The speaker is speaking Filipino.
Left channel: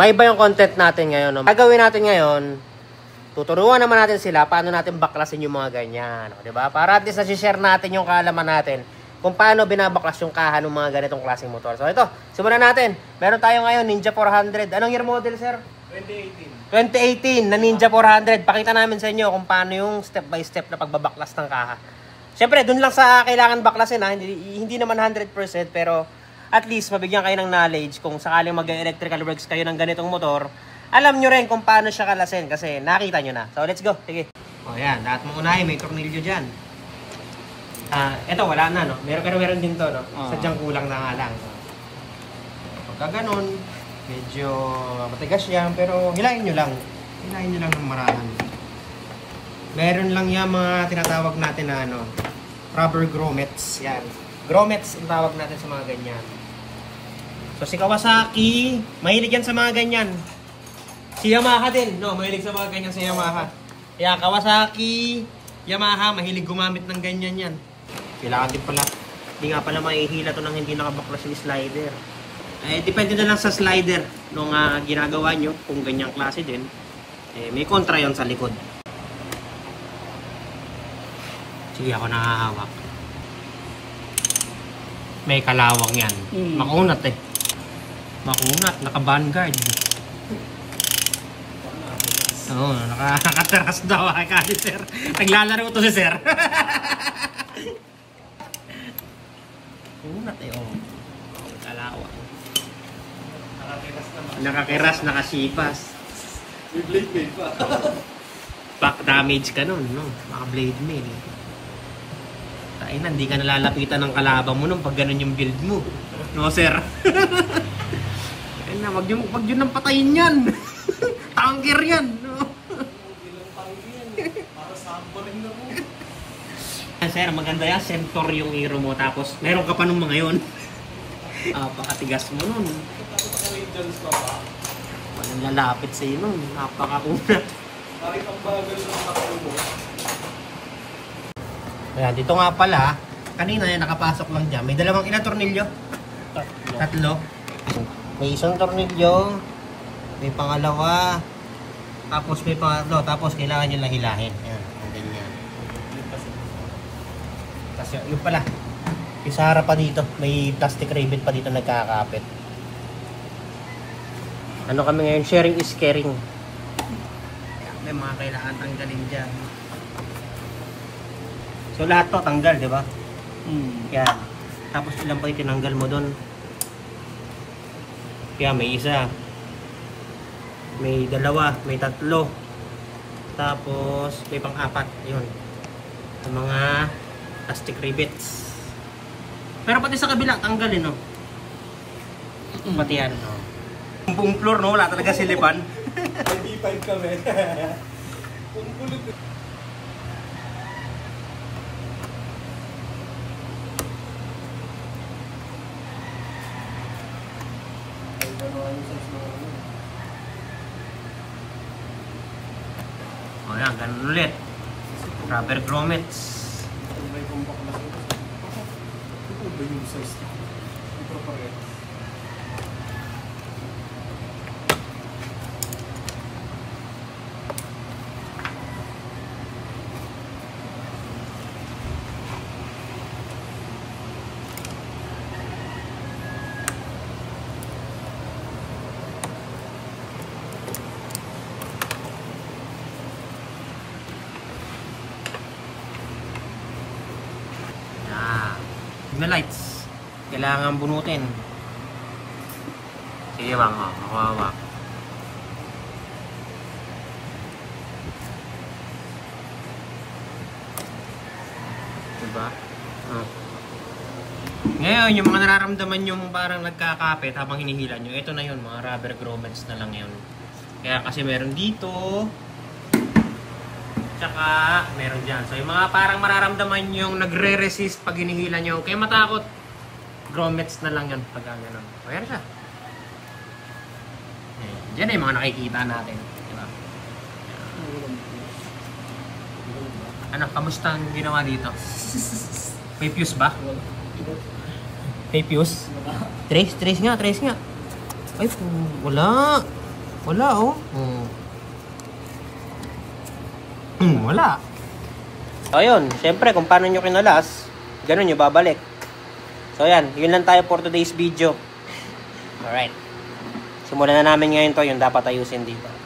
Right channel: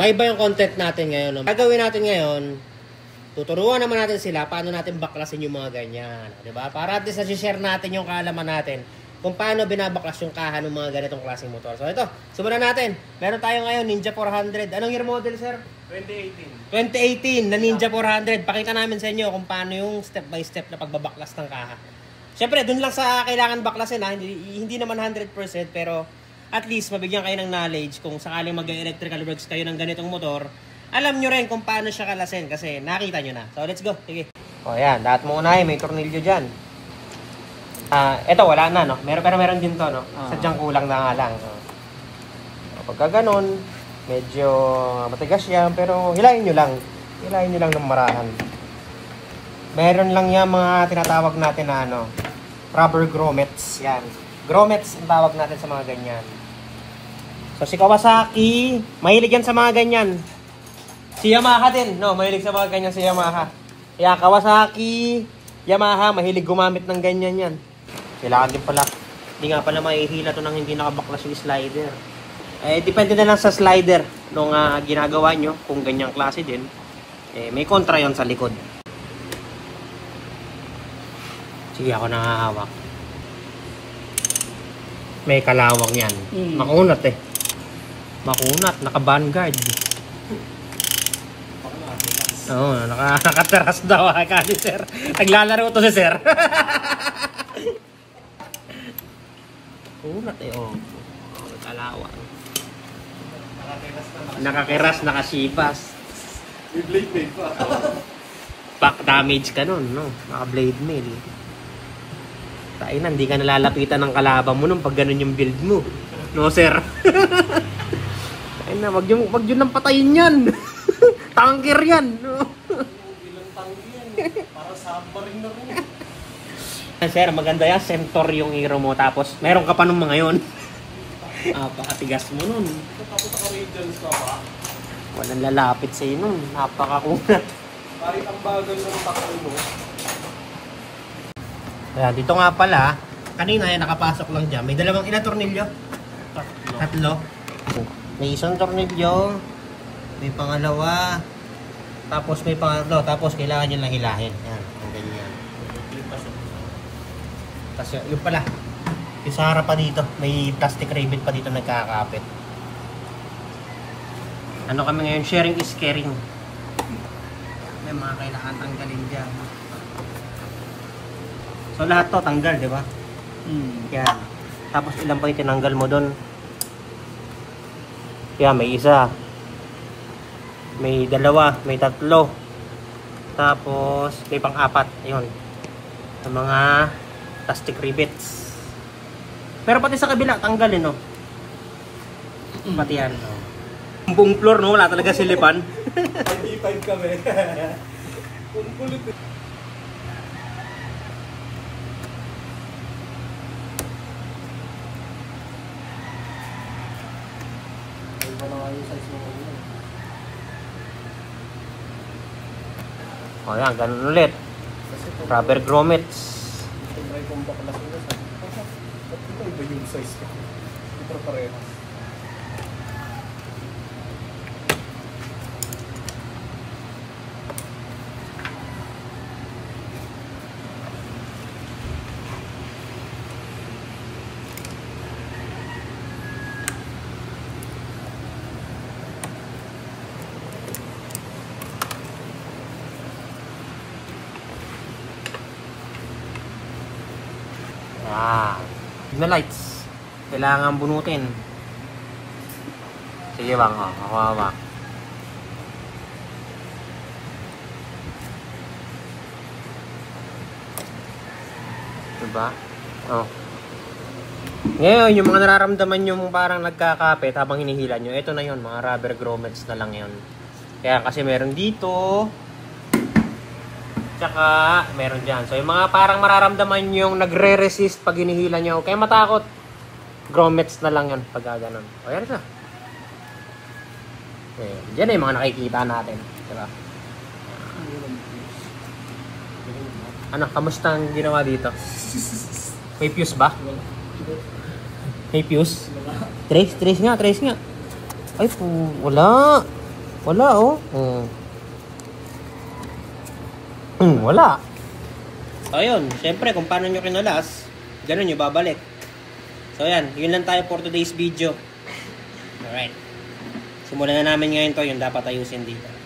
may iba yung content natin ngayon. No? Gagawin natin ngayon, tuturuan naman natin sila paano natin baklasin yung mga ganyan. No? Diba? Para at least na-share natin yung kaalaman natin kung paano binabaklas yung kaha ng mga ganitong klaseng motor. So ito, simulan natin. Meron tayo ngayon, Ninja 400. Anong year model, sir? 2018 na Ninja 400. Pakita namin sa inyo kung paano yung step by step na pagbabaklas ng kaha. Siyempre, dun lang sa kailangan baklasin ha. Hindi naman 100% pero at least mabigyan kayo ng knowledge kung sakaling mag-electrical works kayo ng ganitong motor. Alam nyo rin kung paano siya kalasin kasi nakita nyo na. So let's go. Sige. O yan, lahat mo unahin. May tornilyo dyan. Ito wala na no. Meron din to no. Sadyang kulang na nga lang. Pagka ganun, medyo matigas yan pero hilahin nyo lang. Hilahin nyo lang ng marahan. Meron lang yan mga tinatawag natin na ano, rubber grommets. Yan. Grommets ang tawag natin sa mga ganyan. So si Kawasaki, mahilig yan sa mga ganyan. Si Yamaha din, no, mahilig sa mga ganyan si Yamaha. Kaya Kawasaki, Yamaha, mahilig gumamit ng ganyan yan. Kailangan din pala, hindi nga pala mahihila to nang hindi nakabaklas yung slider. Depende na lang sa slider nung ginagawa nyo, kung ganyang klase din. May kontra yon sa likod. Sige, ako nakahawak. May kalawang yan. Makunat eh. Makunat, naka-vanguard. Oo, naka-teras daw. Kasi sir, naglalaro to si sir. Makunat eh, oh. Kalawang. Nakakiras, nakasipas. May blade mail pa. Back damage ka nun, no? Naka-blade mail. Hindi ka nalalapitan ng kalabang mo nung pag ganun yung build mo. No, sir? Ayun na, wag yun lang patayin yan. Tanker yan. No? Para submarine na rin. Sir, maganda yan. Centaur yung hero mo. Tapos, meron ka pa nung mga yun. Napakatigas mo nun. Walang lalapit sa'yo nun. Napakakunat. Kahit ang bagal ng takbo mo. Ayan, dito nga pala, kanina nakapasok lang dyan. May dalawang ilang tornilyo? Tatlo. May isang tornilyo, may pangalawa, tapos may pangatlo, tapos kailangan nyo lang hilahin. Ayan, ang ganyan. Tapos yung pala, yung sa harap pa dito, may plastic rivet pa dito nagkakapit. Ano kami ngayon? Sharing is caring. May mga kailangan tanggalin dyan. So lahat to tanggal, di ba? Yan. Tapos ilan pa yung tinanggal mo doon? Kaya may isa. May dalawa, may tatlo. Tapos may pang-apat. Ayun. Yung mga plastic rivets. Pero pati sa kabila, tanggalin, no? Pati yan. Ang buong floor, no? Wala talaga silipan. B5 kami. Kung kulit eh. O yan, ganun ulit. Rubber grommets. May kumbaklas ulit. Ito yung size ka. Ito pareho. Signal lights. Kailangan bunutin. Sige bang, makuha. Diba? Oh. Ngayon, yung mga nararamdaman nyo parang nagkakapit habang hinihila nyo, ito na yun, mga rubber grommets na lang yun. Kaya kasi meron dito, tsaka meron dyan. So yung mga parang mararamdaman yung nagre-resist pag hinihila nyo, kaya matakot, grommets na lang yan pag gano'n. O yan siya. Diyan na yung mga nakikita natin. Diba? Ano, kamusta ang ginawa dito? May fuse ba? May fuse? Trace nga. Ay po, wala. Wala, oh. Wala. So, yun. Siyempre, kung paano nyo kinalas, ganun nyo babalik. So, yan. Yun lang tayo for today's video. Alright. Simulan na namin ngayon to, yung dapat ayusin dito.